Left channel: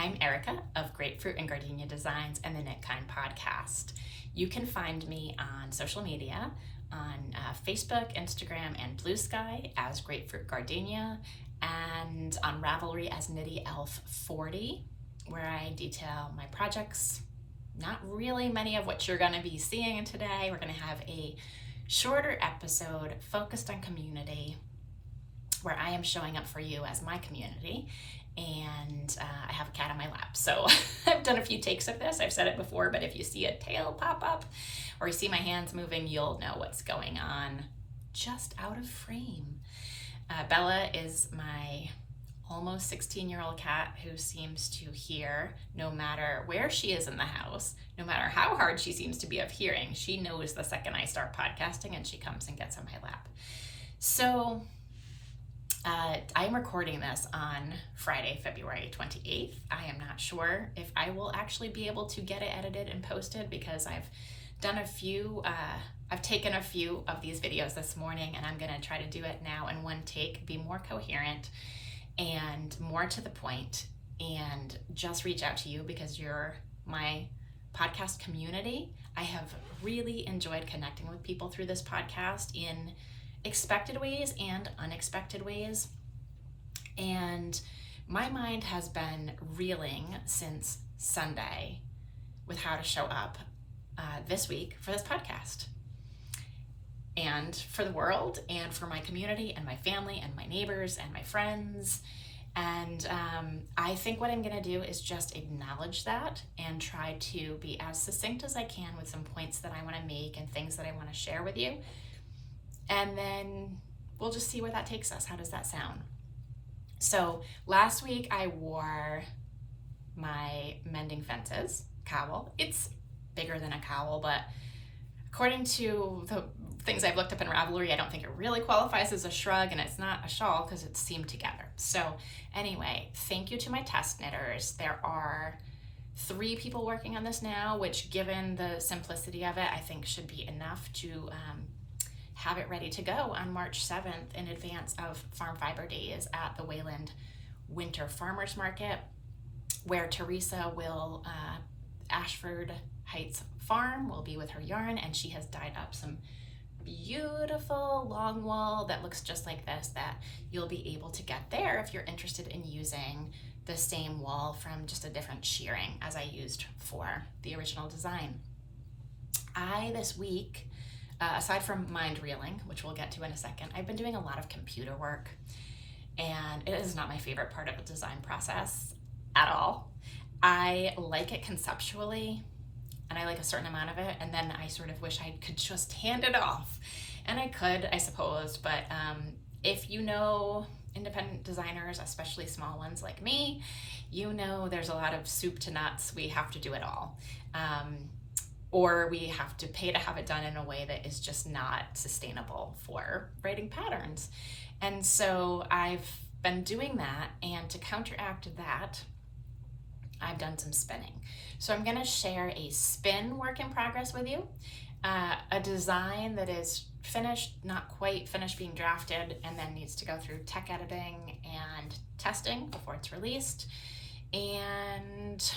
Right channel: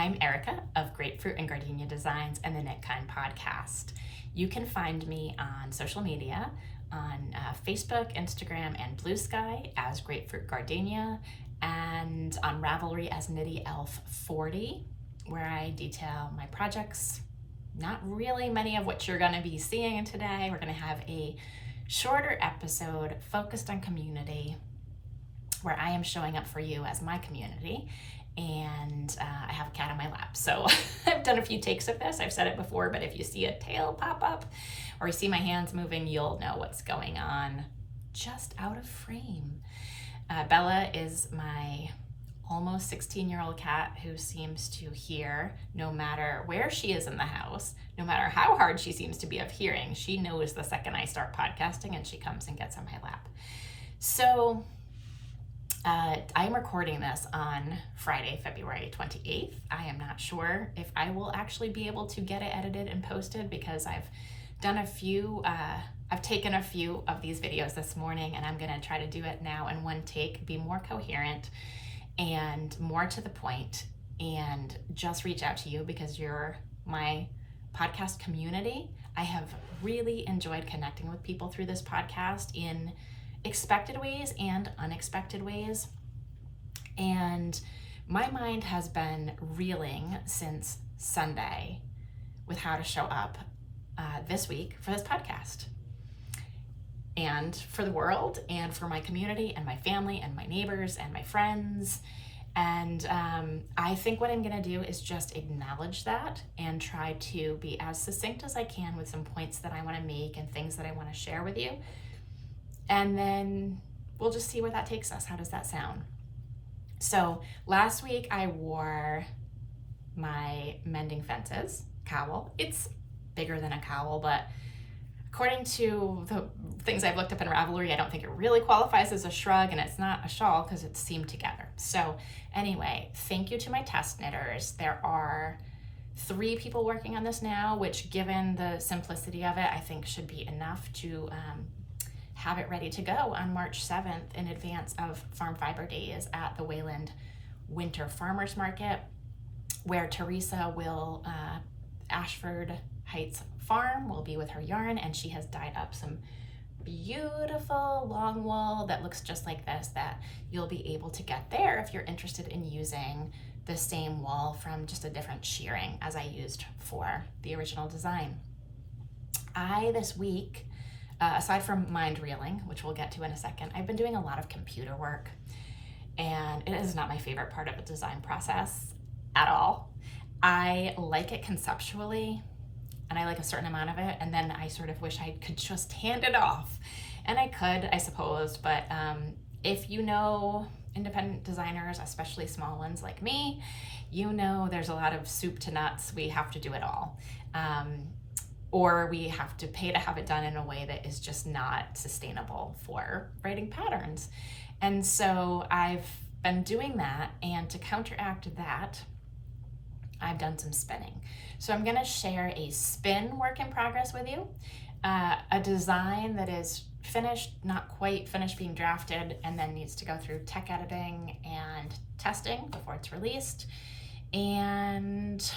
I'm Erika of Grapefruit and Gardenia Designs and the Knit Kind podcast. You can find me on social media on Facebook, Instagram, and Blue Sky as Grapefruit Gardenia, and on Ravelry as Knitty Elf 40, where I detail my projects. Not really many of what you're going to be seeing today. We're going to have a shorter episode focused on community, where I am showing up for you as my community. And I have a cat on my lap. So I've done a few takes of this. I've said it before, but if you see a tail pop up or you see my hands moving, you'll know what's going on just out of frame. Bella is my almost 16-year-old cat who seems to hear no matter where she is in the house, no matter how hard she seems to be of hearing. She knows the second I start podcasting and she comes and gets on my lap. So I'm recording this on Friday, February 28th. I am not sure if I will actually be able to get it edited and posted because I've taken a few of these videos this morning, and I'm going to try to do it now in one take, be more coherent and more to the point, and just reach out to you because you're my podcast community. I have really enjoyed connecting with people through this podcast in expected ways and unexpected ways. And my mind has been reeling since Sunday with how to show up this week for this podcast and for the world and for my community and my family and my neighbors and my friends. And I think what I'm going to do is just acknowledge that and try to be as succinct as I can with some points that I want to make and things that I want to share with you. And then we'll just see where that takes us. How does that sound? So last week I wore my Mending Fences cowl. It's bigger than a cowl, but according to the things I've looked up in Ravelry, I don't think it really qualifies as a shrug, and it's not a shawl because it's seamed together. So anyway, thank you to my test knitters. There are 3 people working on this now, which given the simplicity of it, I think should be enough to have it ready to go on March 7th in advance of Farm Fiber Days at the Wayland Winter Farmers Market, where Teresa will, Ashford Heights Farm will be with her yarn, and she has dyed up some beautiful long wool that looks just like this that you'll be able to get there if you're interested in using the same wool from just a different shearing as I used for the original design. This week, aside from mind reeling, which we'll get to in a second, I've been doing a lot of computer work, and it is not my favorite part of the design process at all. I like it conceptually, and I like a certain amount of it, and then I sort of wish I could just hand it off. And I could, I suppose, but if you know independent designers, especially small ones like me, you know there's a lot of soup to nuts. We have to do it all. Or we have to pay to have it done in a way that is just not sustainable for writing patterns. And so I've been doing that, and to counteract that, I've done some spinning. So I'm gonna share a spin work in progress with you, a design that is finished, not quite finished being drafted, and then needs to go through tech editing and testing before it's released, and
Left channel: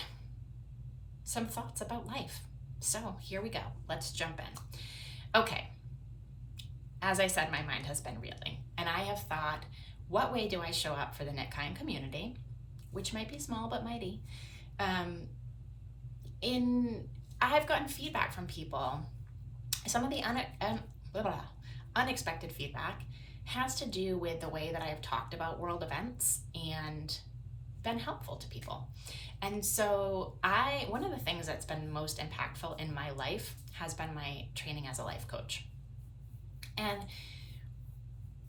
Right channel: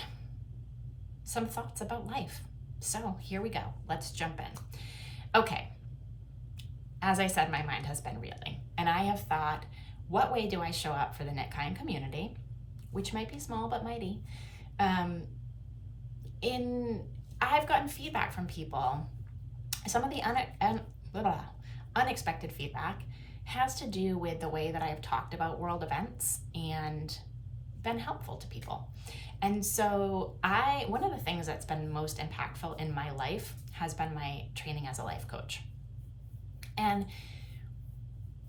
some thoughts about life. So here we go, let's jump in. Okay, as I said, my mind has been reeling, and I have thought, what way do I show up for the Knit Kind community, which might be small but mighty? I've gotten feedback from people. Some of the unexpected feedback has to do with the way that I have talked about world events and been helpful to people. And so one of the things that's been most impactful in my life has been my training as a life coach. And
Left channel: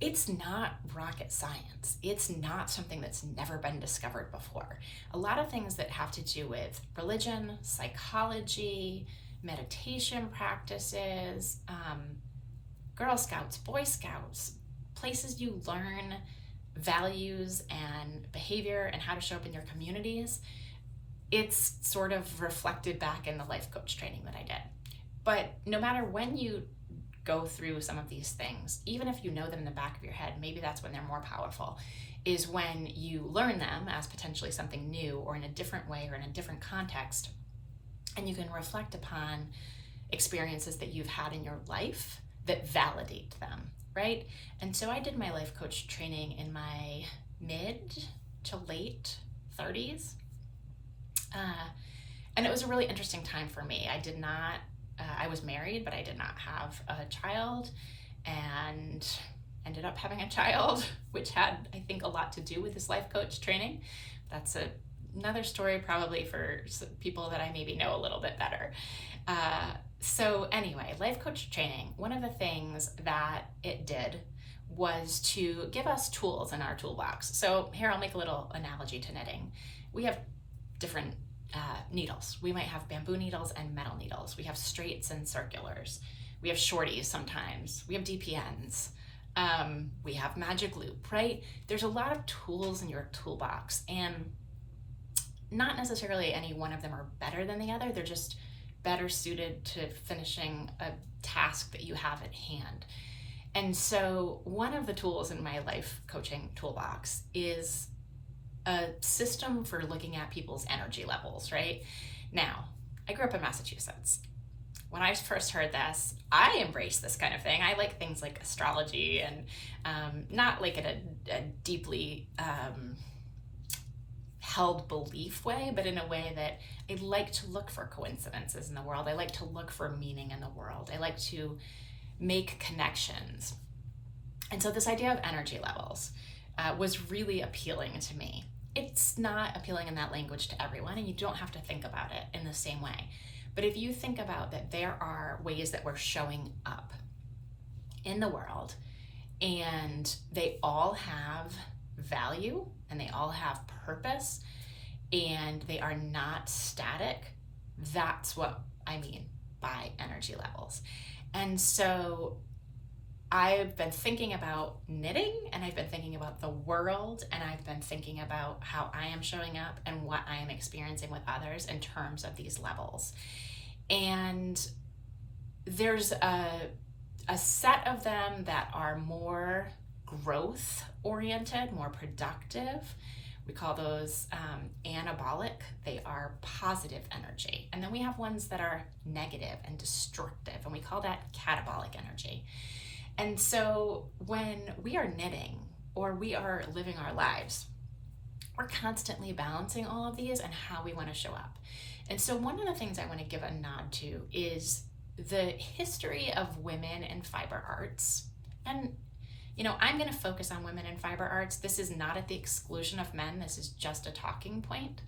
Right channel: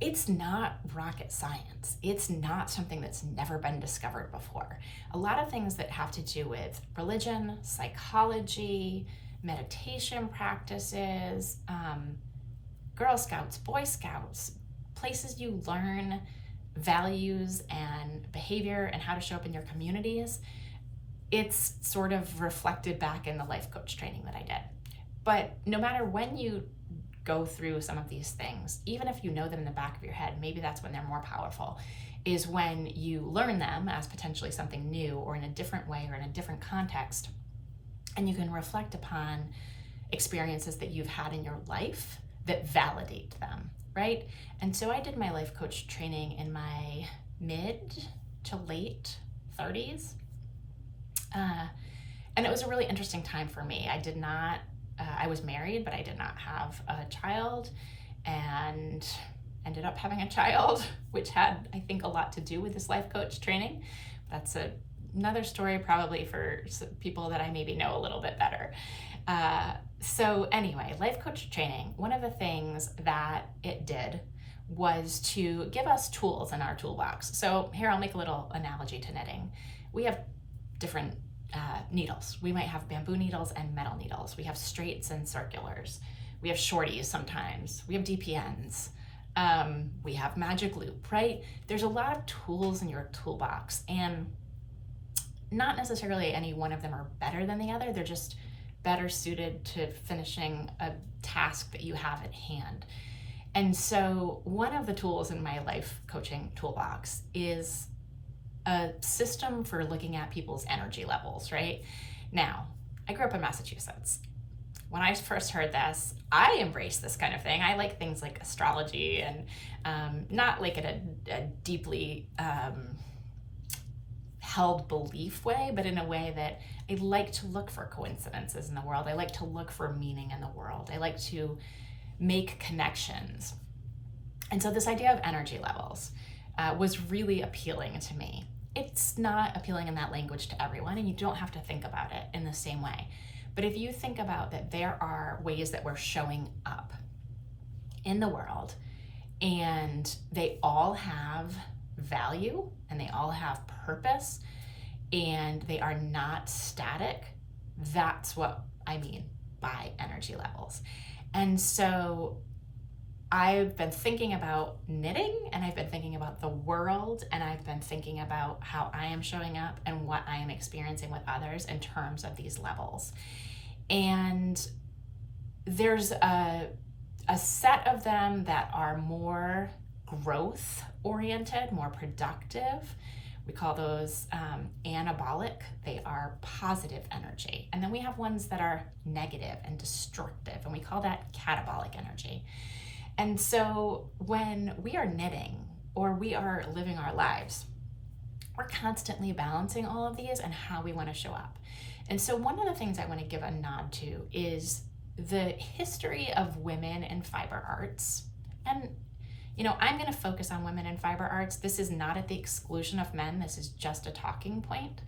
it's not rocket science. It's not something that's never been discovered before. A lot of things that have to do with religion, psychology, meditation practices, Girl Scouts, Boy Scouts, places you learn values and behavior and how to show up in your communities. It's sort of reflected back in the life coach training that I did. But no matter when you go through some of these things, even if you know them in the back of your head, maybe that's when they're more powerful, is when you learn them as potentially something new or in a different way or in a different context, and you can reflect upon experiences that you've had in your life that validate them, right? And so I did my life coach training in my mid to late 30s. And it was a really interesting time for me. I was married, but I did not have a child, and ended up having a child, which had, I think, a lot to do with this life coach training. That's another story probably for people that I maybe know a little bit better. So anyway, life coach training, one of the things that it did was to give us tools in our toolbox. So here, I'll make a little analogy to knitting. We have different needles. We might have bamboo needles and metal needles. We have straights and circulars. We have shorties sometimes. We have DPNs. We have magic loop, right? There's a lot of tools in your toolbox, and not necessarily any one of them are better than the other. They're just better suited to finishing a task that you have at hand. And so one of the tools in my life coaching toolbox is a system for looking at people's energy levels, right? Now, I grew up in Massachusetts. When I first heard this, I embraced this kind of thing. I like things like astrology, and not like in a deeply held belief way, but in a way that I like to look for coincidences in the world. I like to look for meaning in the world. I like to make connections. And so this idea of energy levels was really appealing to me. It's not appealing in that language to everyone, and you don't have to think about it in the same way. But if you think about that, there are ways that we're showing up in the world, and they all have value, and they all have purpose, and they are not static. That's what I mean by energy levels. And so I've been thinking about knitting, and I've been thinking about the world, and I've been thinking about how I am showing up and what I am experiencing with others in terms of these levels. And there's a set of them that are more growth oriented, more productive. We call those anabolic. They are positive energy. And then we have ones that are negative and destructive, and we call that catabolic energy. And so when we are knitting or we are living our lives, we're constantly balancing all of these and how we want to show up. And so one of the things I want to give a nod to is the history of women in fiber arts. And, I'm going to focus on women in fiber arts. This is not at the exclusion of men. This is just a talking point.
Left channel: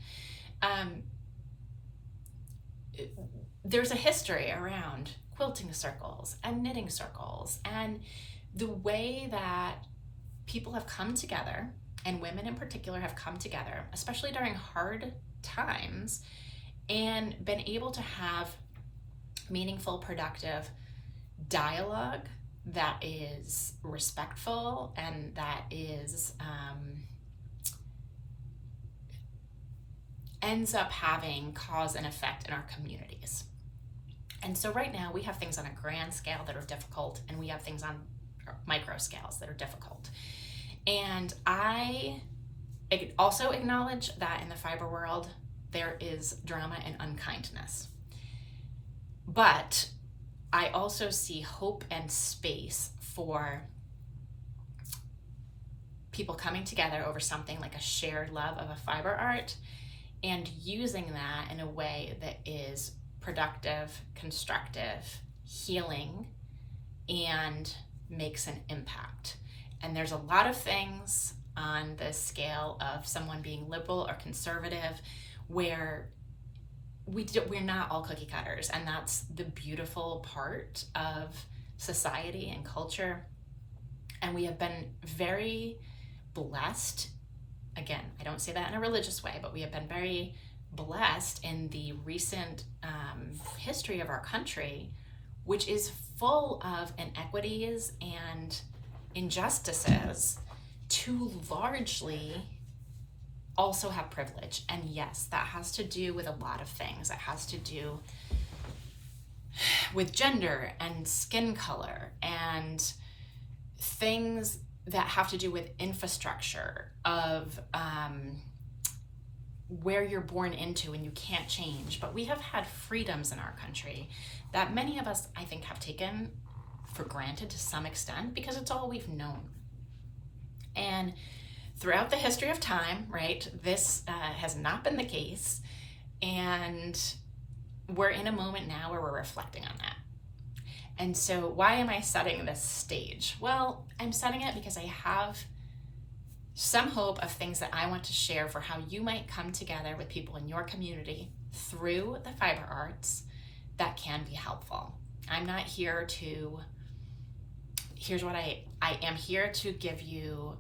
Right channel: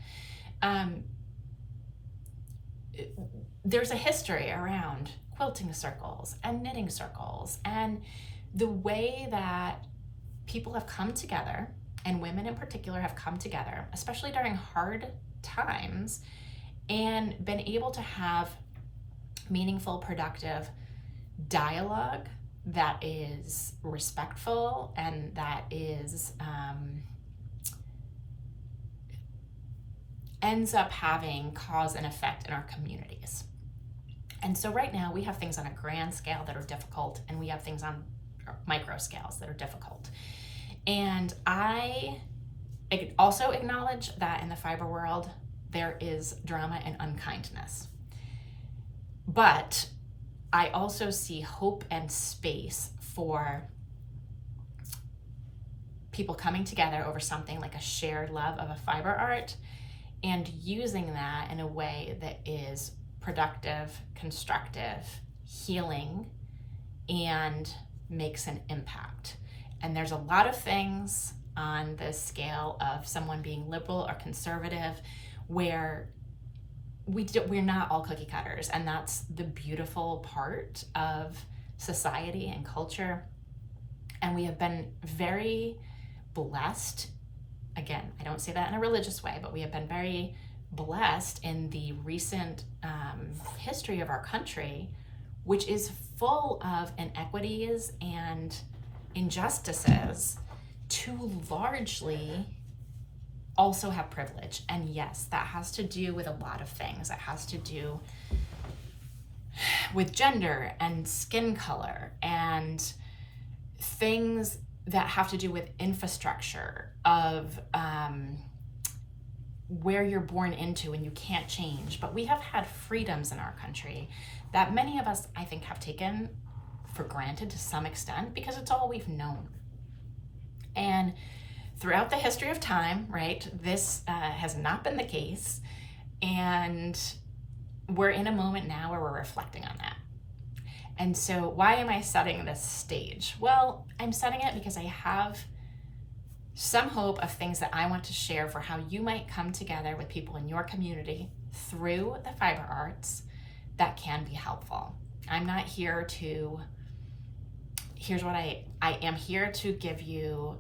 There's a history around quilting circles and knitting circles, and the way that people have come together, and women in particular have come together, especially during hard times, and been able to have meaningful, productive dialogue that is respectful and that is ends up having cause and effect in our communities. And so right now we have things on a grand scale that are difficult, and we have things on micro scales that are difficult. And I also acknowledge that in the fiber world, there is drama and unkindness. But I also see hope and space for people coming together over something like a shared love of a fiber art, and using that in a way that is productive, constructive, healing, and makes an impact. And there's a lot of things on the scale of someone being liberal or conservative where we're not all cookie cutters, and that's the beautiful part of society and culture. And we have been very blessed. Again, I don't say that in a religious way, but we have been very blessed in the recent history of our country, which is full of inequities and injustices, to largely also have privilege. And yes, that has to do with a lot of things. It has to do with gender and skin color and things that have to do with infrastructure, of where you're born into and you can't change. But we have had freedoms in our country that many of us, I think, have taken for granted to some extent because it's all we've known. And throughout the history of time, right, this has not been the case. And we're in a moment now where we're reflecting on that. And so why am I setting this stage? Well, I'm setting it because I have some hope of things that I want to share for how you might come together with people in your community through the fiber arts that can be helpful. I'm not here to, here's what I am here to give you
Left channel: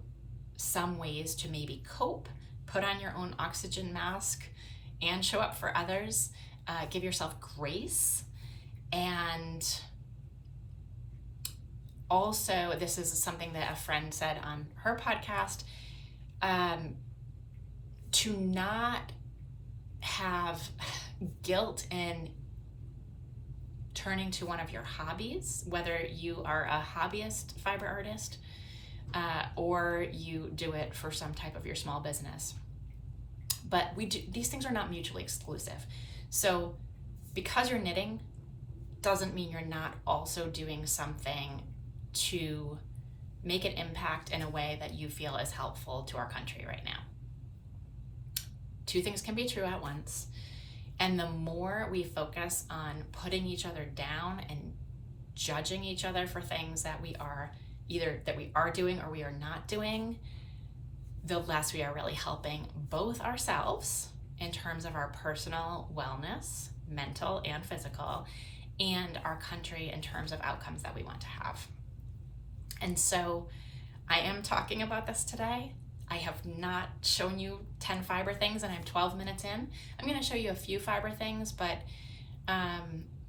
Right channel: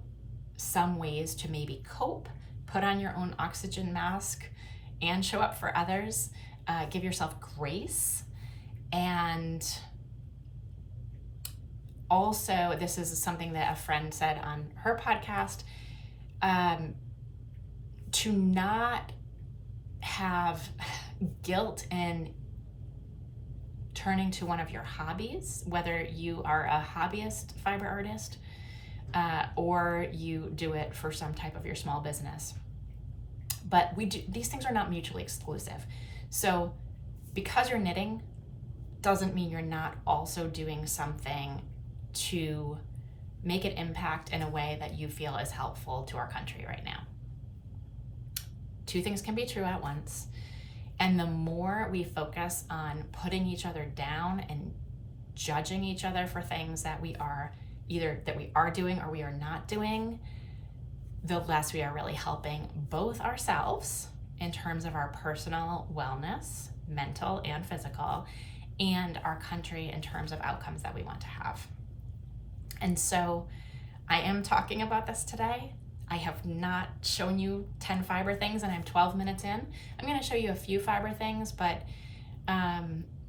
some ways to maybe cope, put on your own oxygen mask, and show up for others. Give yourself grace. And also, this is something that a friend said on her podcast, to not have guilt in turning to one of your hobbies, whether you are a hobbyist fiber artist or you do it for some type of your small business. But these things are not mutually exclusive. So because you're knitting doesn't mean you're not also doing something to make an impact in a way that you feel is helpful to our country right now. Two things can be true at once. And the more we focus on putting each other down and judging each other for things that we are doing or we are not doing, the less we are really helping both ourselves in terms of our personal wellness, mental and physical, and our country in terms of outcomes that we want to have. And so I am talking about this today. I have not shown you 10 fiber things and I'm 12 minutes in. I'm going to show you a few fiber things, but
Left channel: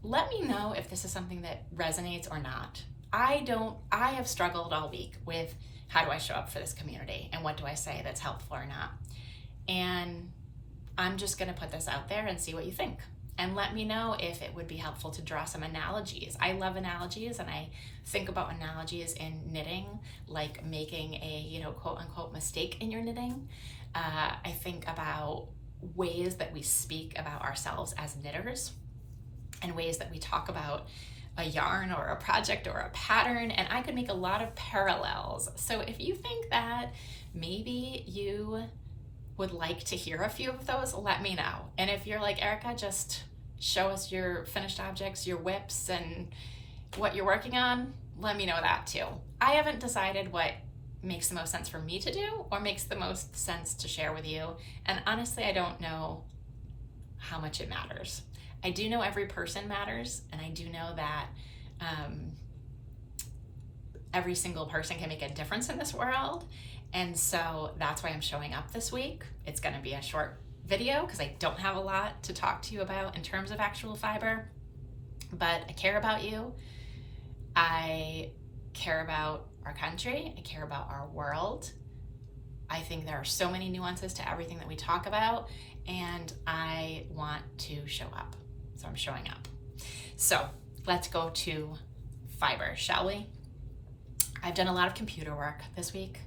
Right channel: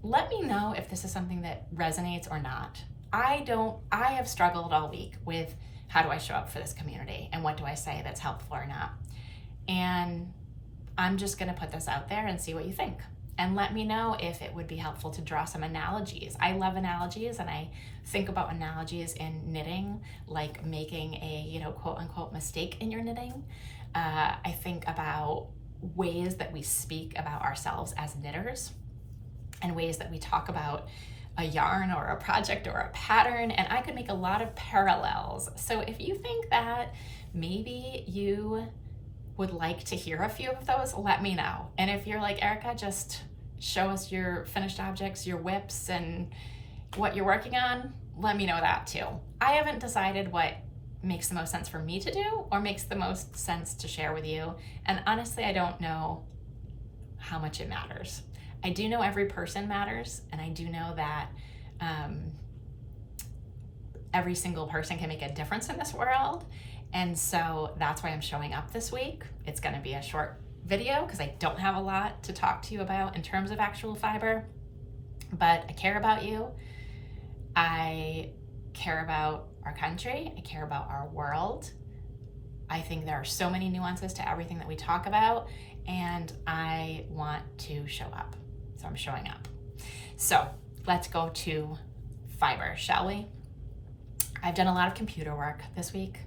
let me know if this is something that resonates or not. I have struggled all week with how do I show up for this community and what do I say that's helpful or not. And I'm just going to put this out there and see what you think. And let me know if it would be helpful to draw some analogies. I love analogies, and I think about analogies in knitting, like making a, quote unquote mistake in your knitting. I think about ways that we speak about ourselves as knitters and ways that we talk about a yarn or a project or a pattern, and I could make a lot of parallels. So if you think that maybe you would like to hear a few of those, let me know. And if you're like, Erika, just show us your finished objects, your whips, and what you're working on, let me know that too. I haven't decided what makes the most sense for me to do or makes the most sense to share with you. And honestly, I don't know how much it matters. I do know every person matters, and I do know that every single person can make a difference in this world. And so that's why I'm showing up this week. It's going to be a short video because I don't have a lot to talk to you about in terms of actual fiber, but I care about you. I care about our country. I care about our world. I think there are so many nuances to everything that we talk about, and I want to show up. So I'm showing up. So let's go to fiber, shall we? I've done a lot of computer work this week.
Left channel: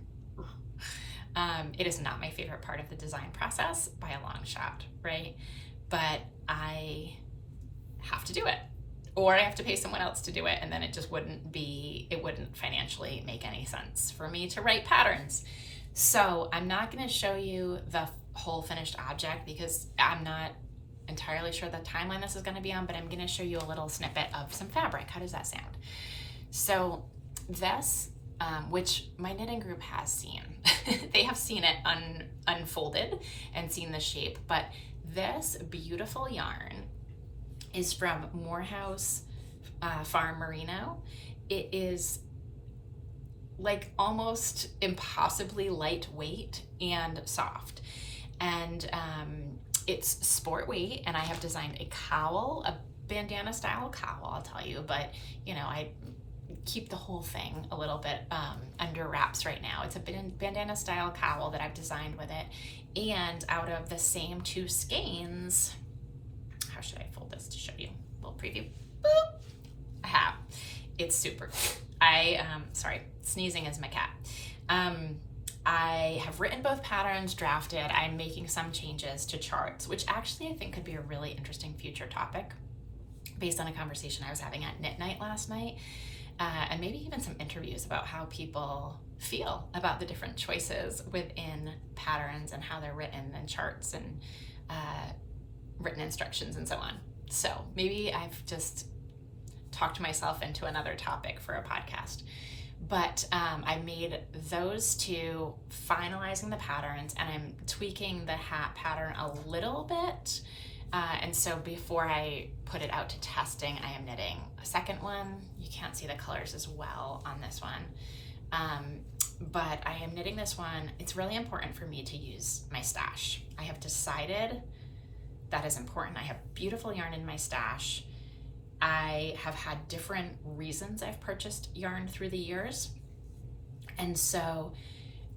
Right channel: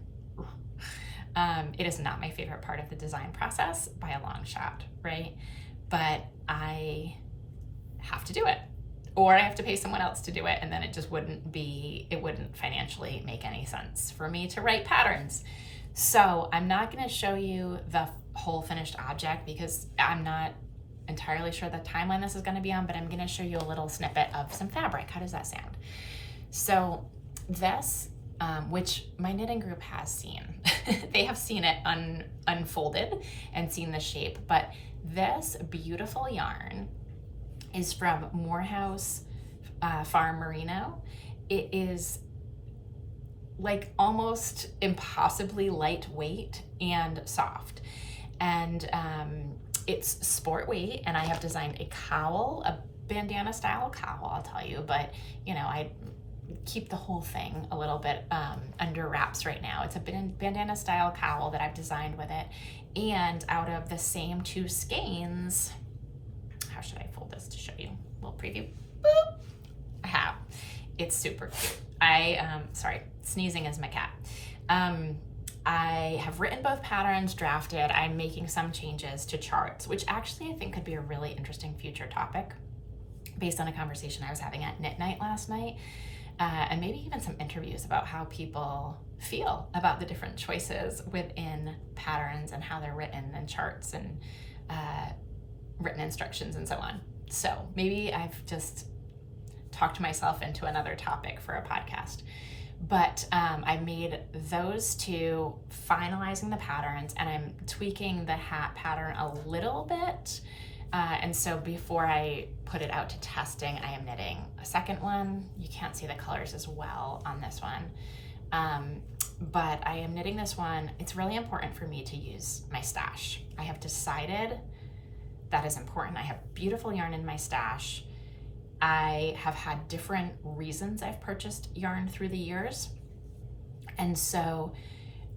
It is not my favorite part of the design process by a long shot, right? But I have to do it, or I have to pay someone else to do it, and then it wouldn't financially make any sense for me to write patterns. So I'm not going to show you the whole finished object because I'm not entirely sure the timeline this is going to be on, but I'm going to show you a little snippet of some fabric. How does that sound? So this, which my knitting group has seen, they have seen it unfolded and seen the shape, but this beautiful yarn is from Morehouse Farm Merino. It is like almost impossibly lightweight and soft, and it's sport weight. And I have designed a cowl, a bandana style cowl, I'll tell you, but I keep the whole thing a little bit under wraps right now. It's a bandana style cowl that I've designed with it, and out of the same two skeins, how should I fold this to show you a little preview? Boop! I have. It's super cute. Sorry, sneezing is my cat. I have written both patterns, drafted. I'm making some changes to charts, which actually I think could be a really interesting future topic based on a conversation I was having at Knit Night last night, and maybe even some interviews about how people feel about the different choices within patterns and how they're written, and charts and written instructions and so on. So maybe I've just talked myself into another topic for a podcast. But I made those two, finalizing the patterns, and I'm tweaking the hat pattern a little bit. And so before I put it out to testing, I am knitting a second one. You can't see the colors as well on this one. But I am knitting this one. It's really important for me to use my stash. I have decided that is important. I have beautiful yarn in my stash. I have had different reasons I've purchased yarn through the years. And so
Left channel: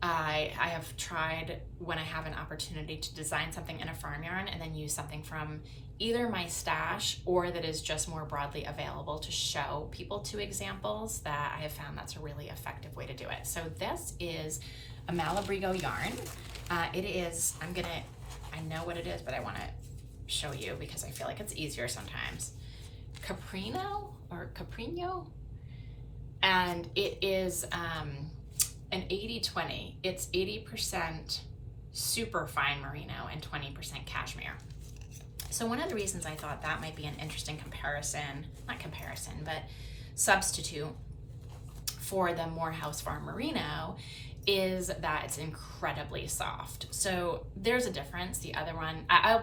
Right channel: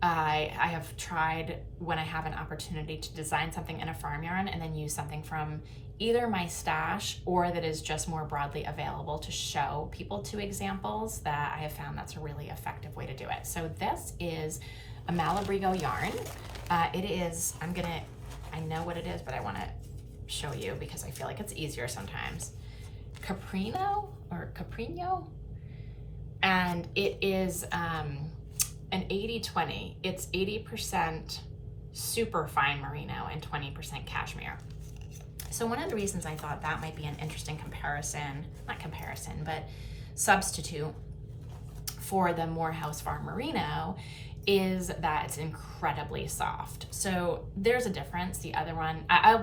I have tried, when I have an opportunity, to design something in a farm yarn and then use something from either my stash or that is just more broadly available to show people two examples that I have found that's a really effective way to do it. So this is a Malabrigo yarn. It is, I know what it is, but I want to show you because I feel like it's easier sometimes. Caprino, and it is an 80-20. It's 80% super fine merino and 20% cashmere. So one of the reasons I thought that might be an interesting substitute for the Morehouse Farm merino is that it's incredibly soft. So there's a difference. The other one,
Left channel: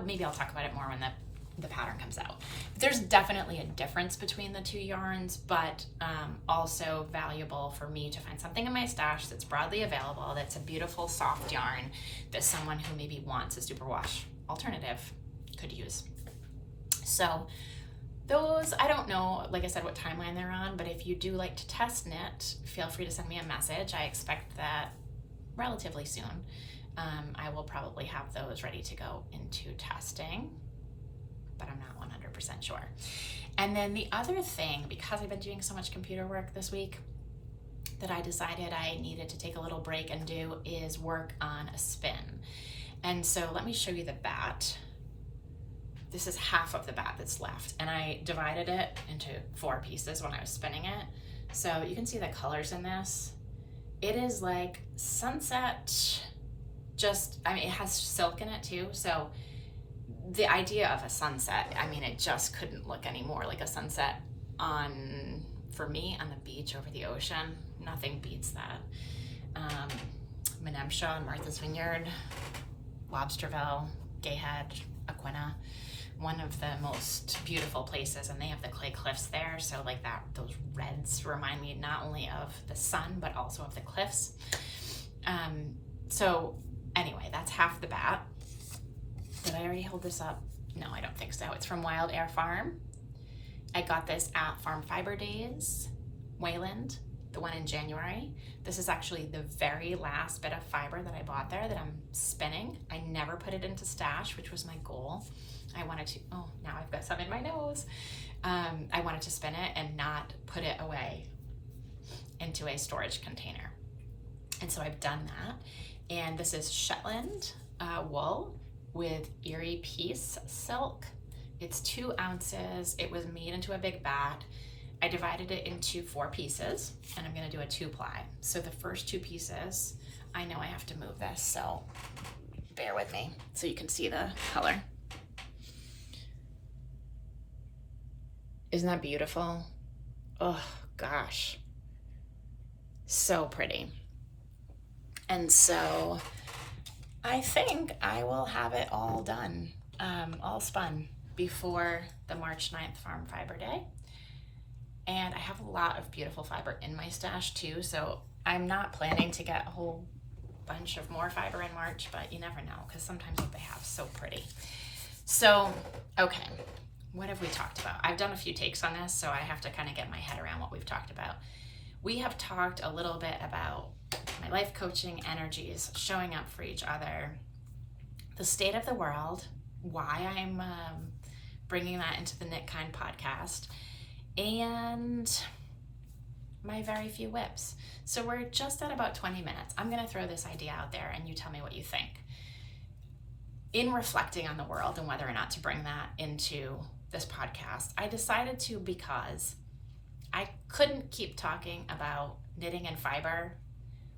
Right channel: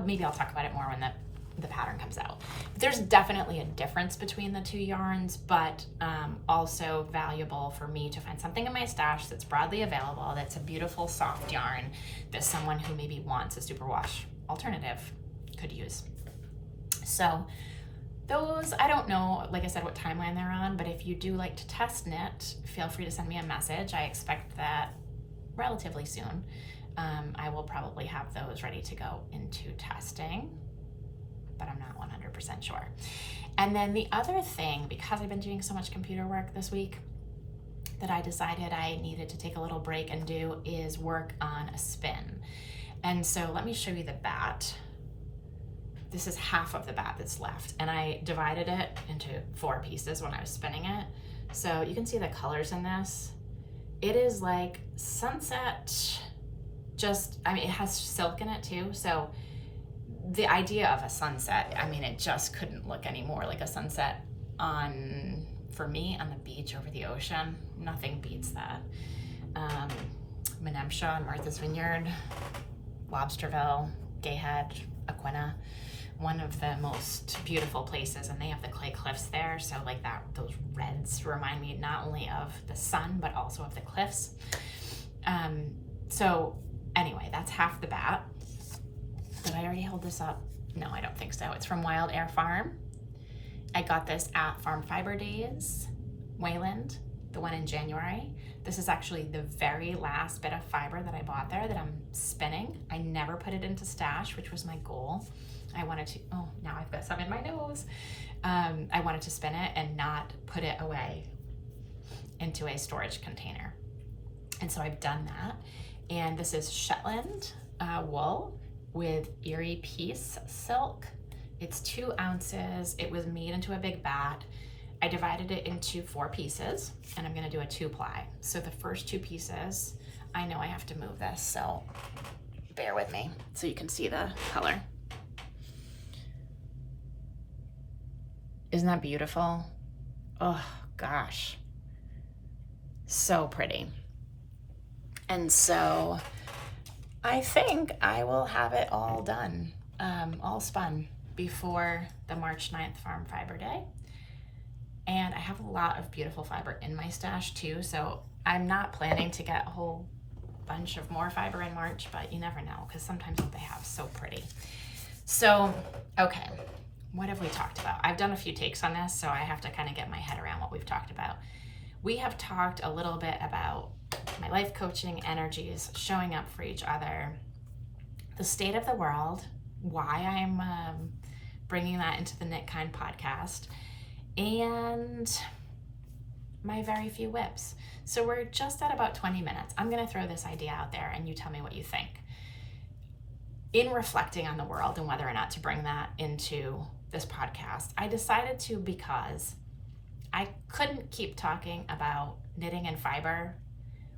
maybe I'll talk about it more when the pattern comes out. There's definitely a difference between the two yarns, but also valuable for me to find something in my stash that's broadly available, that's a beautiful soft yarn that someone who maybe wants a superwash alternative could use. So those, I don't know, like I said, what timeline they're on, but if you do like to test knit, feel free to send me a message. I expect that relatively soon. I will probably have those ready to go into testing, but I'm not 100% sure. And then the other thing, because I've been doing so much computer work this week, that I decided I needed to take a little break and do is work on a spin. And so let me show you the bat. This is half of the bat that's left, and I divided it into 4 pieces when I was spinning it. So you can see the colors in this. It is like sunset, it has silk in it too. So the idea of a sunset, it just couldn't look any more like a sunset for me, on the beach over the ocean. Nothing beats that. Menemsha and Martha's Vineyard, Lobsterville, Gayhead, Aquina, one of the most beautiful places, and they have the clay cliffs there. So like that, those reds remind me not only of the sun, but also of the cliffs. So anyway, that's half the bat. Did I already hold this up? No, I don't think so. It's from Wild Air Farm. I got this at Farm Fiber Days, Wayland, the one in January. This is actually the very last bit of fiber that I bought there that I'm spinning. I never put it into stash, which was my goal. I wanted to, oh, now I've got some in my nose. I wanted to spin it and not put it away into a storage container. And so I've done that. And this is Shetland wool with Erie Peace silk. It's 2 ounces. It was made into a big bat. I divided it into 4 pieces, and I'm gonna do a 2-ply. So the first 2 pieces, I know I have to move this, so bear with me so you can see the color. Isn't that beautiful? Oh gosh, so pretty. And so I think I will have it all done, all spun before the March 9th Farm Fiber Day. And I have a lot of beautiful fiber in my stash too, so I'm not planning to get a whole bunch of more fiber in March, but you never know, because sometimes what they have is so pretty. So, okay, what have we talked about? I've done a few takes on this, so I have to kind of get my head around what we've talked about. We have talked a little bit about my life coaching energies, showing up for each other, the state of the world, why I'm bringing that into the Knit Kind podcast, and my very few whips. So we're just at about 20 minutes. I'm going to throw this idea out there and you tell me what you think. In reflecting on the world and whether or not to bring that into this podcast, I decided to because I couldn't keep talking about knitting and fiber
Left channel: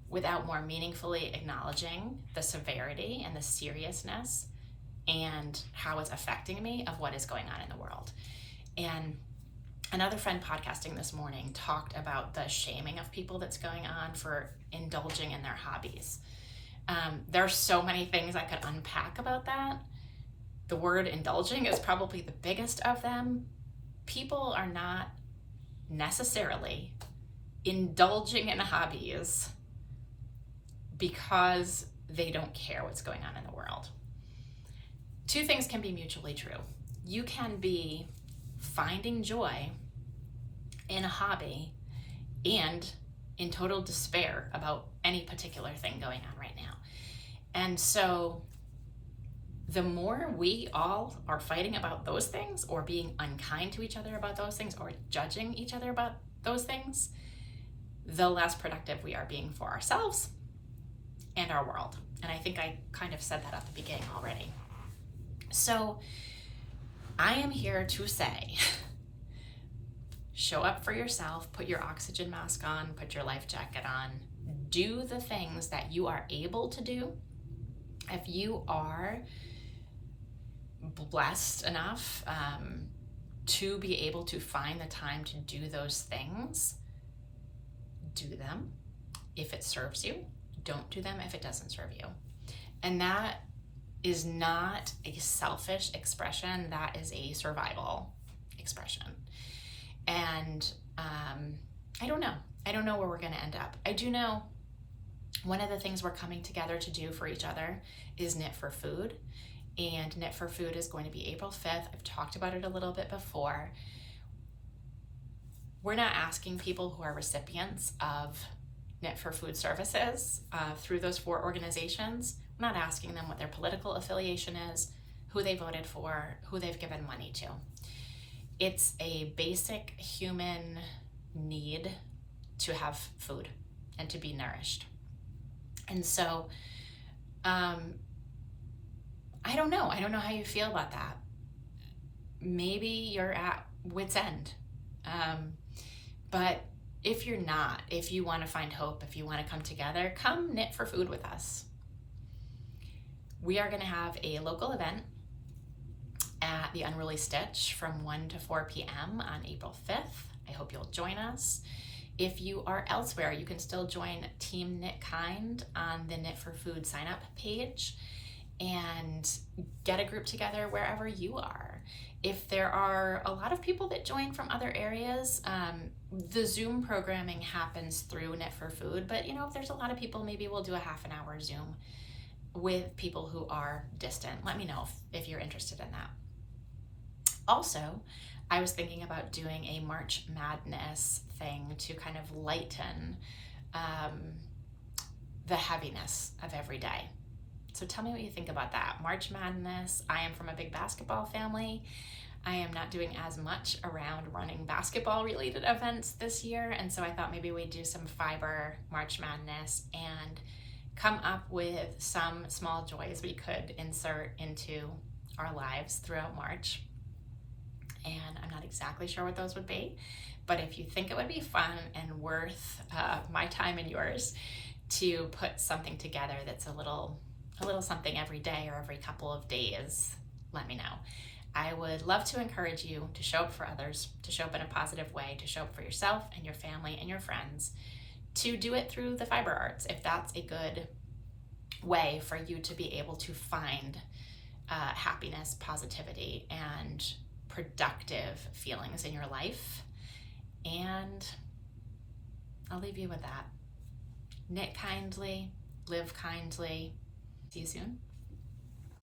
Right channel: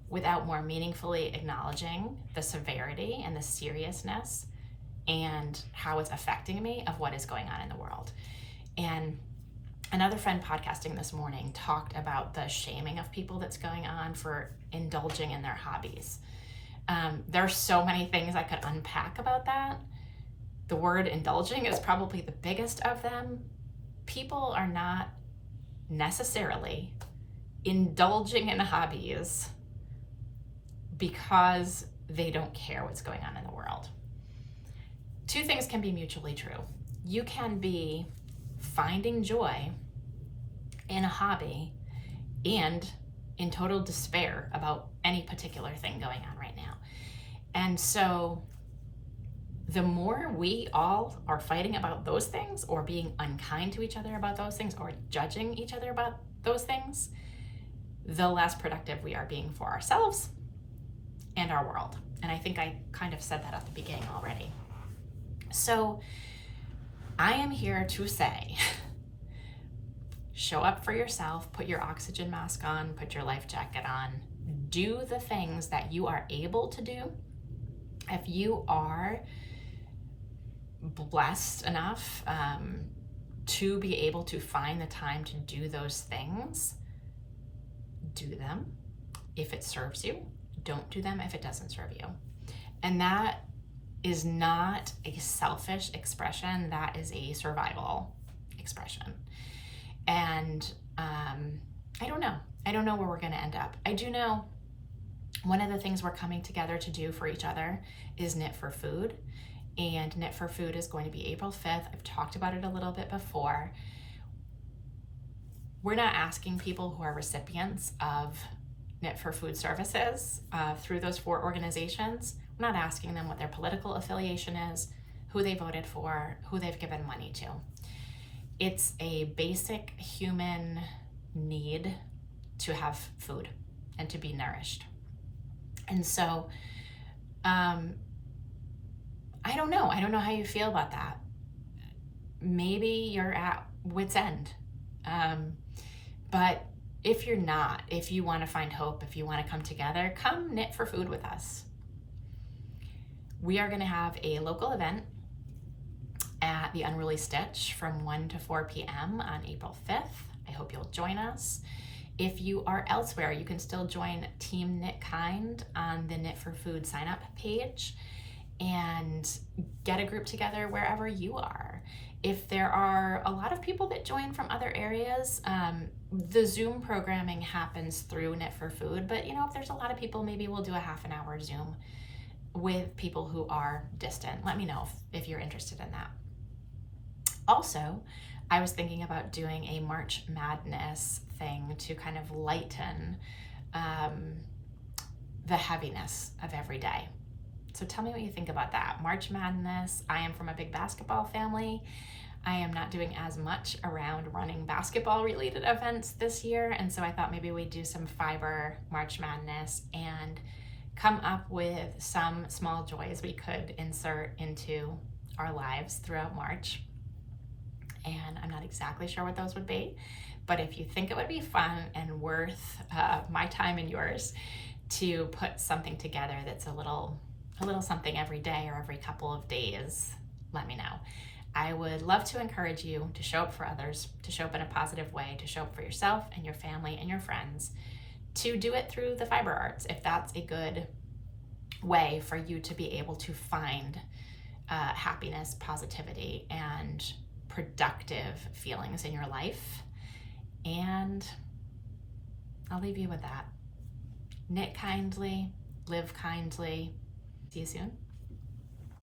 without more meaningfully acknowledging the severity and the seriousness and how it's affecting me of what is going on in the world. And another friend podcasting this morning talked about the shaming of people that's going on for indulging in their hobbies. There's so many things I could unpack about that. The word indulging is probably the biggest of them. People are not necessarily indulging in hobbies because they don't care what's going on in the world. Two things can be mutually true. You can be finding joy in a hobby and in total despair about any particular thing going on right now. And so the more we all are fighting about those things or being unkind to each other about those things or judging each other about those things, the less productive we are being for ourselves and our world. And I think I kind of said that at the beginning already. So I am here to say, show up for yourself, put your oxygen mask on, put your life jacket on, do the things that you are able to do. If you are blessed enough to be able to find the time to do those things, do them. If it serves you, don't do them if it doesn't serve you. And that is not a selfish expression, that is a survival expression. And I don't know where we're going to end up. I do know one of the things we're coming together to do for each other is Knit for Food. And Knit for Food is going to be April 5th. I've talked about it a little bit before. We're not asking people who are recipients of Knit for Food services through those 4 organizations. We're not asking them what their political affiliation is, who they voted for, who they've given money to. It's a basic human need to have food and to be nourished. And so, I don't know how you feel about that. Maybe you're at wit's end. But if you're not, if you want to find hope, if you want to come together, come Knit for Food with us. We are going to have a local event at the Unruly Stitch from 1 to 4 p.m. on April 5th. I hope you'll join us. If you are elsewhere, you can still join Team Knit Kind on the Knit for Food sign-up page and get a group together wherever you are. If there are a lot of people that join from other areas, the Zoom programming happens through Knit for Food, but if there's a lot of people, maybe we'll do a half an hour Zoom with people who are distant. Let me know if you're interested in that. Also, I was thinking about doing a March Madness thing to kind of lighten the heaviness of every day. So tell me what you think about that. March Madness, I am from a big basketball family. I am not doing as much around running basketball related events this year. And so I thought maybe we'd do some fiber March Madness and come up with some small joys we could insert into our lives throughout March. And I'm not exactly sure what those would be, but if you think it would be fun and worth my time and yours to put something together that's a little something every day or every couple of days, let me know. I would love to encourage you to show up for others, to show up in a positive way, to show up for yourself and your family and your friends, to do it through the fiber arts, if that's a good way for you to be able to find happiness, positivity, and productive feelings in your life. And I'll leave you with that. Knit kindly, live kindly. See you soon.